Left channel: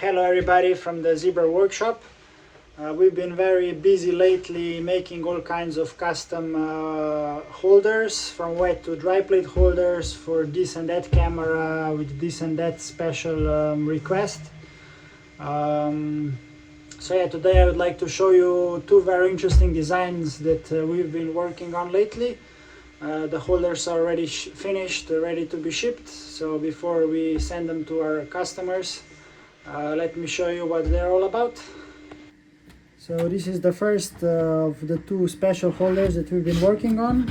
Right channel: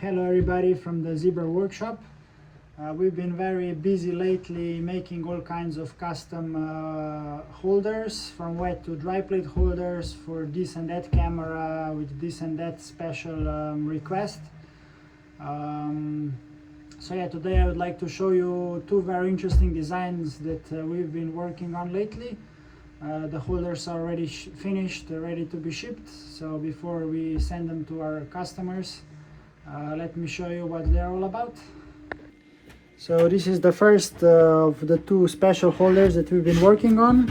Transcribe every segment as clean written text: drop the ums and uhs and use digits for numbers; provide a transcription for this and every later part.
Hello everybody from the Zebra workshop. We've been very busy lately making all kinds of custom holders, from wet to dry plate holders for this and that camera with this and that special request. So yeah, today I would like to show you two very interesting designs that we've been working on lately. The holders are already finished, ready to be shipped. So before we send them to our customers, let me show you what they're all about. So this is the first of the two special holders that we've been working on.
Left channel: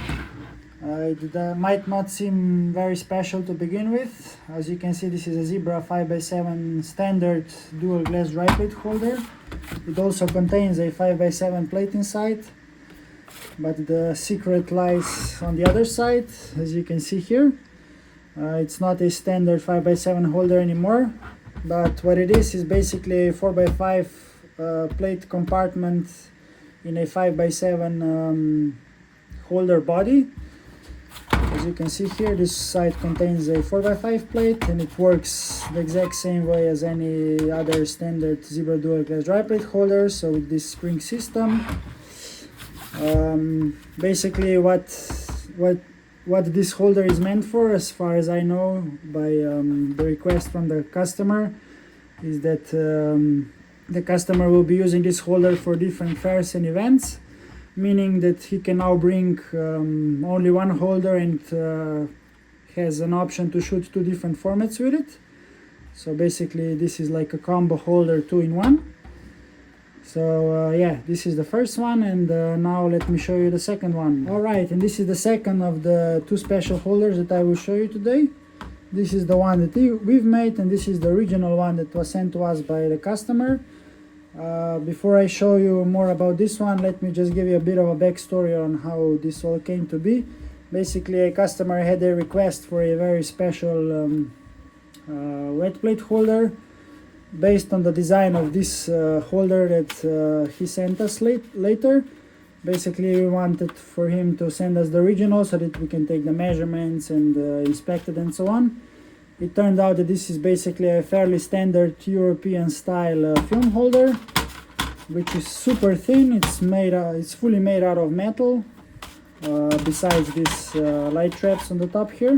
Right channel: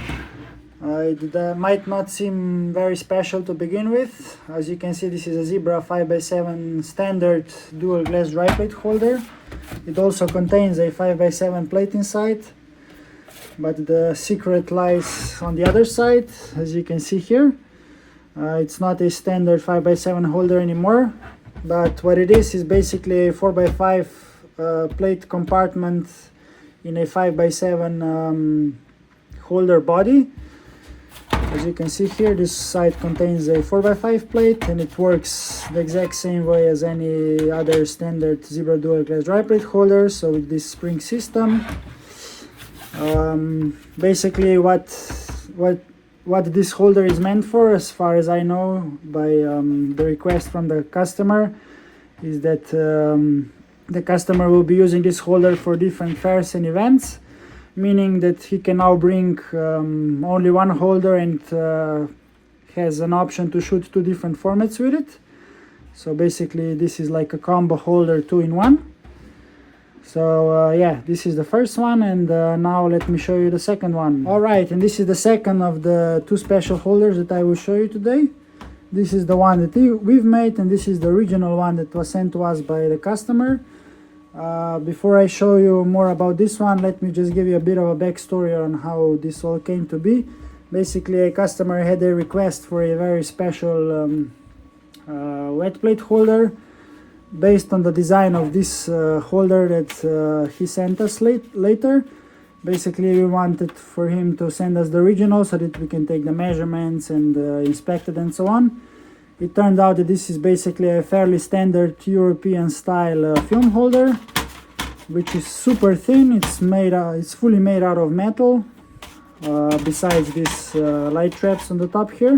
It might not seem very special to begin with. As you can see, this is a Zebra 5x7 standard dual glass dry plate holder. It also contains a 5x7 plate inside, but the secret lies on the other side, as you can see here. It's not a standard 5x7 holder anymore, but what it is basically a 4x5 plate compartment in a 5x7 holder body. As you can see here, this side contains a 4x5 plate, and it works the exact same way as any other standard Zebra dual glass dry plate holder. So with this spring system, basically what this holder is meant for, as far as I know by the request from the customer, is that the customer will be using this holder for different fairs and events, meaning that he can now bring only one holder and has an option to shoot two different formats with it. So basically this is like a combo holder 2-in-1. So yeah, this is the first one, and now let me show you the second one. Alright, and this is the second of the two special holders that I will show you today. This is the one that we've made, and this is the original one that was sent to us by the customer. Before I show you more about this one, let me just give you a bit of a backstory on how this all came to be. Basically, a customer had a request for a very special wet plate holder based on the design of this holder that he sent us later. Basically, we wanted for him to send us the original so that we can take the measurements and inspect it and so on. It turned out that this is basically a fairly standard European style film holder, which is super thin. It's fully made out of metal, besides these light traps on the top here.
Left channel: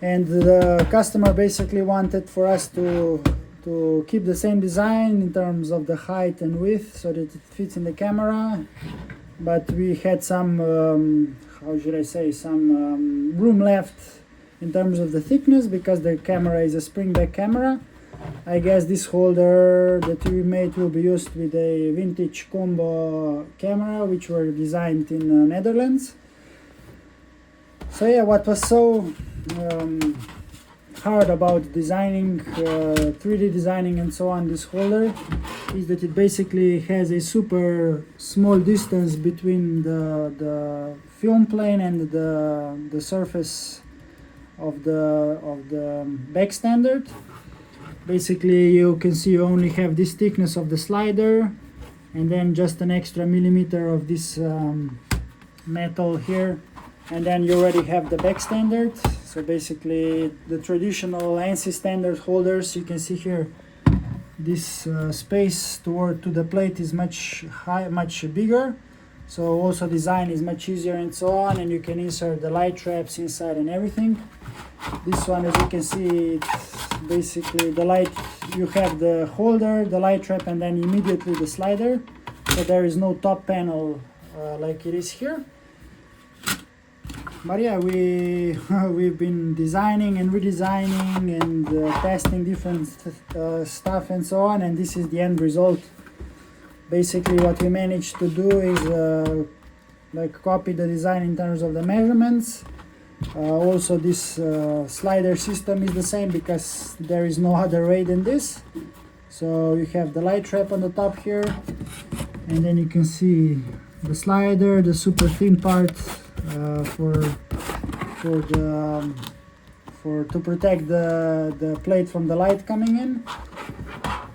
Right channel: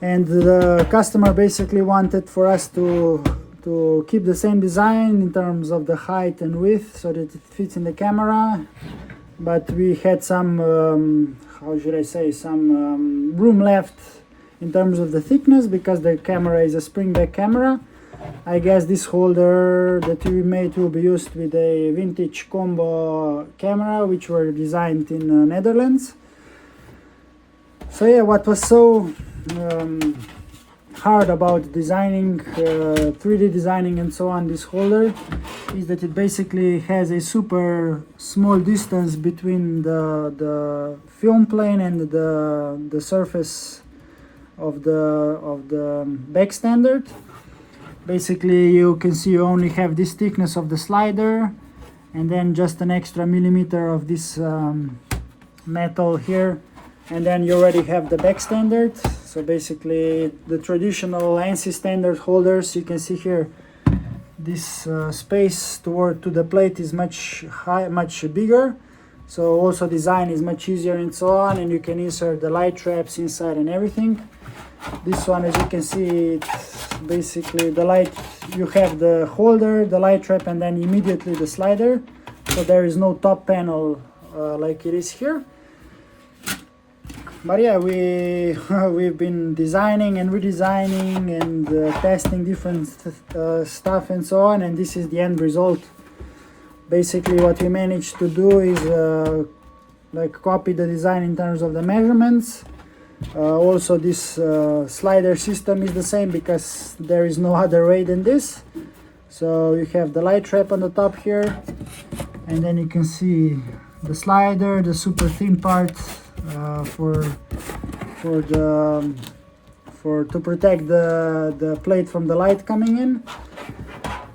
And the customer basically wanted for us to keep the same design in terms of the height and width so that it fits in the camera, but we had some how should I say, some room left in terms of the thickness, because the camera is a spring back camera. I guess this holder that we made will be used with a vintage combo camera which were designed in the Netherlands. So yeah, what was so hard about designing, 3D designing and so on, this holder, is that it basically has a super small distance between the film plane and the surface of the back standard. Basically, you can see you only have this thickness of the slider, and then just an extra millimeter of this metal here, and then you already have the back standard. So basically, the traditional ANSI standard holders, you can see here, this space to the plate is much bigger. So also design is much easier and so on, and you can insert the light traps inside and everything. This one, as you can see, it's basically the light, you have the holder, the light trap, and then immediately the slider. So there is no top panel like it is here. But yeah, we've been designing and redesigning and testing different stuff and so on, and this is the end result. Basically, what we managed to do is like copy the design in terms of the measurements. Also, this slider system is the same because there is no other way than this. So you have the light trap on the top here, and then you can see the slider, the super thin part to protect the plate from the light coming in.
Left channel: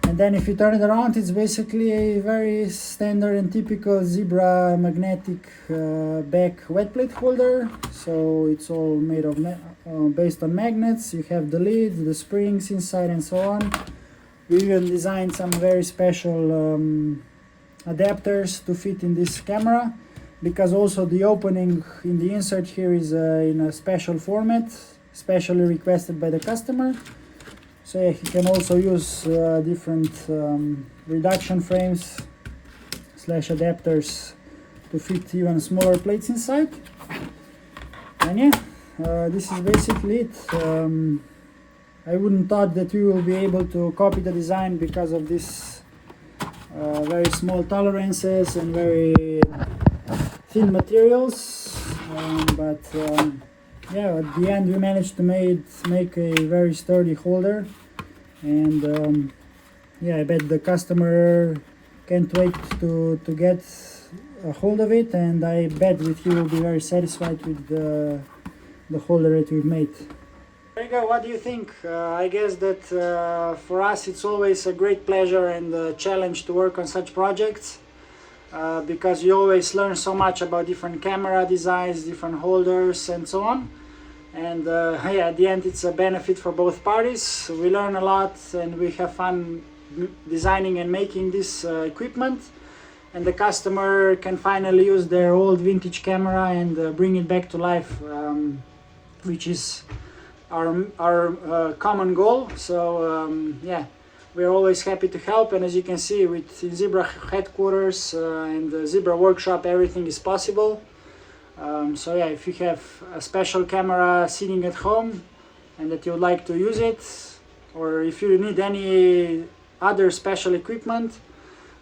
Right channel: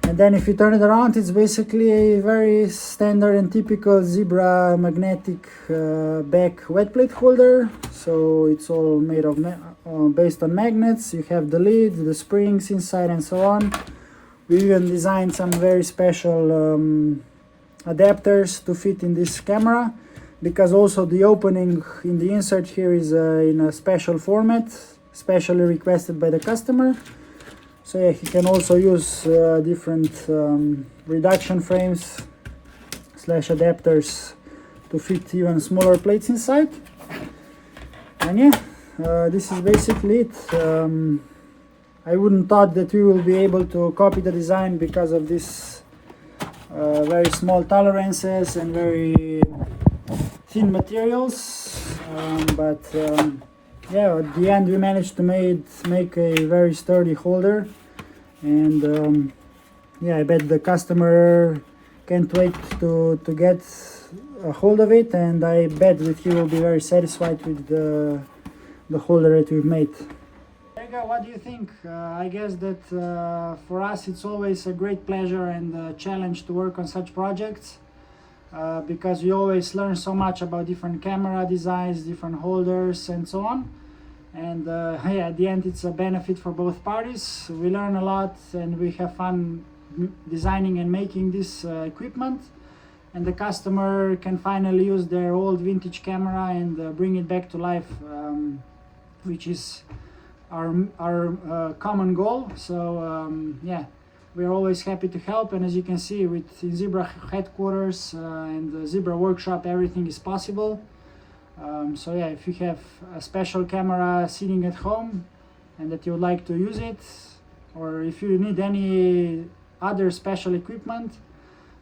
And then if you turn it around, it's basically a very standard and typical Zebra magnetic back wet plate holder. So it's all made of based on magnets. You have the lid, the springs inside, and so on. We even designed some very special adapters to fit in this camera, because also the opening in the insert here is in a special format, specially requested by the customer. So yeah, he can also use different reduction frames / adapters to fit even smaller plates inside. And yeah, this is basically it. I wouldn't thought that we will be able to copy the design because of this very small tolerances and very thin materials, but yeah, at the end we managed to make a very sturdy holder, and yeah, I bet the customer can't wait to get a hold of it, and I bet that he will be very satisfied with the holder that we've made. There you go. What do you think? I guess that for us it's always a great pleasure and a challenge to work on such projects, because you always learn so much about different camera designs, different holders, and so on. And yeah, at the end it's a benefit for both parties. We learn a lot and we have fun designing and making this equipment, and the customer can finally use their old vintage camera and bring it back to life, which is our common goal. So yeah, we're always happy to help, and as you can see, with Zebra headquarters and the Zebra workshop, everything is possible. So yeah, if you have a special camera sitting at home and that you would like to use it, or if you need any other special equipment,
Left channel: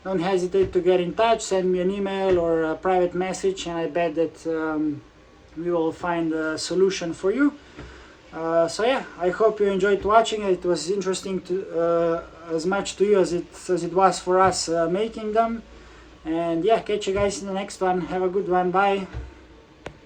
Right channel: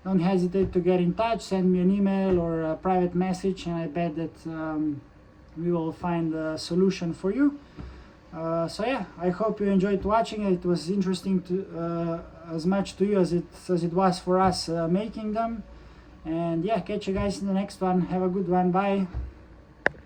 don't hesitate to get in touch, send me an email or a private message, and I bet that we will find a solution for you. So yeah, I hope you enjoyed watching. It was interesting to as much to you as it was for us making them. And yeah, catch you guys in the next one. Have a good one. Bye.